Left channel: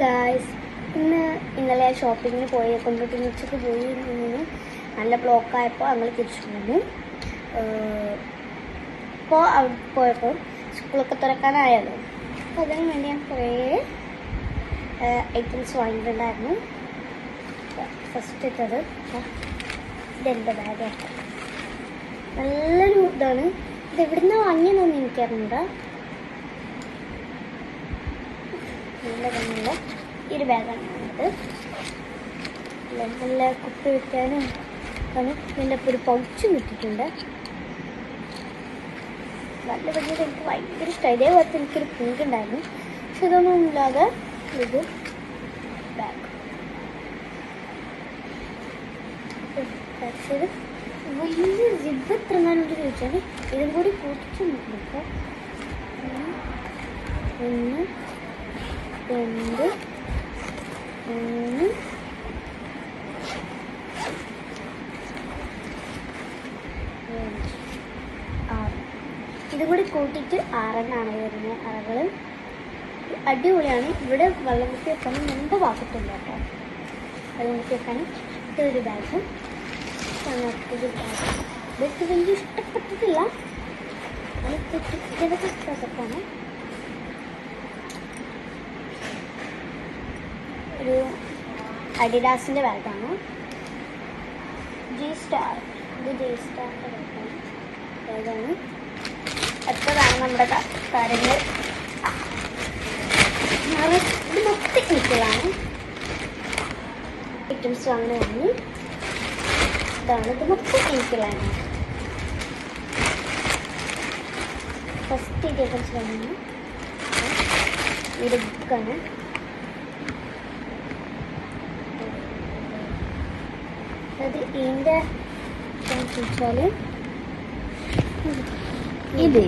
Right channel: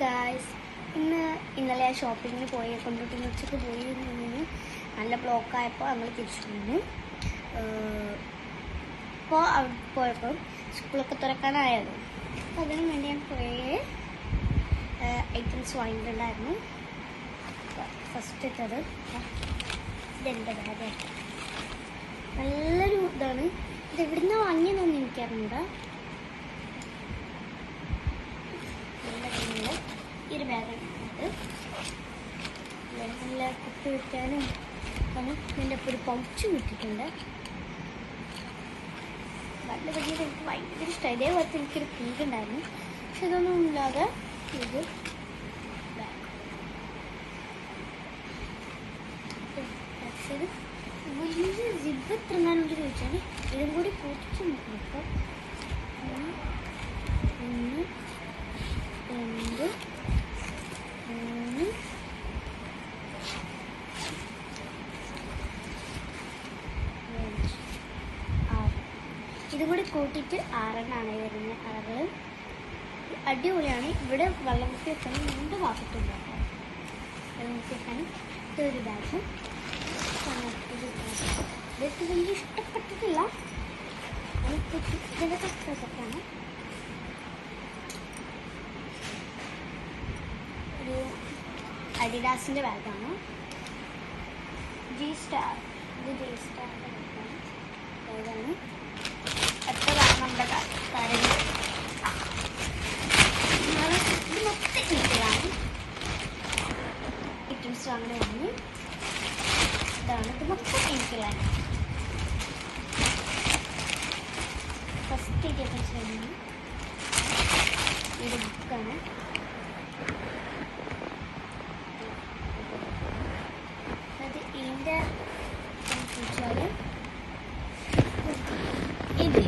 Guys, ഇന്നലെ ഷോപ്പിങ്ങിന് കൊണ്ടോട്ടി ഉച്ചക്ക് പോയി നിന്ന് നല്ല ബ്ലോക്കായപ്പോൾ ഞങ്ങൾ തിരിച്ചു പോന്നു. ഇപ്പോൾ അവിടെ പോയപ്പോൾ സ്കൂളൊക്കെ തുറക്കാനായല്ലോ. അപ്പോൾ അതിന് വേണ്ടി ഞാൻ കുറേ ഐറ്റംസ് വാങ്ങിയിട്ടുണ്ടായിരുന്നു. ഫസ്റ്റ് ഇട്ടത് ഇതെൻ്റെ ബാഗാണ്. നല്ലൊരു ഇതാണ്. ഇത് എവിടുന്ന് വാങ്ങിയെന്നൊന്നും എനിക്കറിയില്ല. നല്ല ഭംഗിയുള്ള ഈ ഒരു ബാഗാണ് ഇത്. നല്ല കുപ്പി വയ്ക്കാനും ആണ്. ഇതിൻ്റെ ഒപ്പം ഒരു പൗച്ചും കിട്ടിയിട്ടുണ്ട്. നല്ല ഭംഗിയത് എനിക്ക് ഭയങ്കര ഇഷ്ടമായി. ഇതേപോലത്തെ എനിക്കൊരു പിങ്ക് ഉണ്ടായിരുന്നു, പക്ഷെ ഇതൊന്നും ഇല്ലാതെ ഇത് ബാഗ്. പക്ഷേ ഇത് വലിയ ജിബ് എത്രങ്ങാനുണ്ട് ചോദിച്ചാൽ ഇതും കൂടി കൂട്ടിച്ച് നോക്കാം. 1 2 3 6 ഇതും കൂടി കൂട്ടിയിട്ട് 6 എണ്ണമാണ് വരുന്നത്. അറകൾ അടിപൊളിയാണ്. ഇവിടെ വെള്ളം കുത്തി വെക്കാനും രണ്ട് ഭാഗത്തുണ്ട് കേട്ടോ. വെള്ളം കുത്തി വെക്കാനും ഇതൊരു ബാഗും ഒരു ബാഗ്. ഇതൊക്കെ എനിക്ക് ഇഷ്ടപ്പെട്ടിട്ടില്ല. ഇതൊക്കെ സെറ്റാണ്. ഒരു അഡിഡാസിൻ്റെ ബാഗാണ്. G-Star. ഇത് G-Starൻ്റെ ബാഗാണ്. എത്രയാണ് നമ്മുടെ കാര്യങ്ങൾ. ഇത് മൊത്തം എനിക്കുള്ളതാണ്. ഐറ്റംസ് അങ്ങനെ വാങ്ങി. ഇതാണ്, ഇത് മൊത്തം എനിക്കുള്ളതാണ്. ഫസ്റ്റ് ഐറ്റംസ് വാങ്ങി. ഒരു ബുക്കാണ്. അത് ഇതിൻ്റെ വെച്ചാൽ ഇത്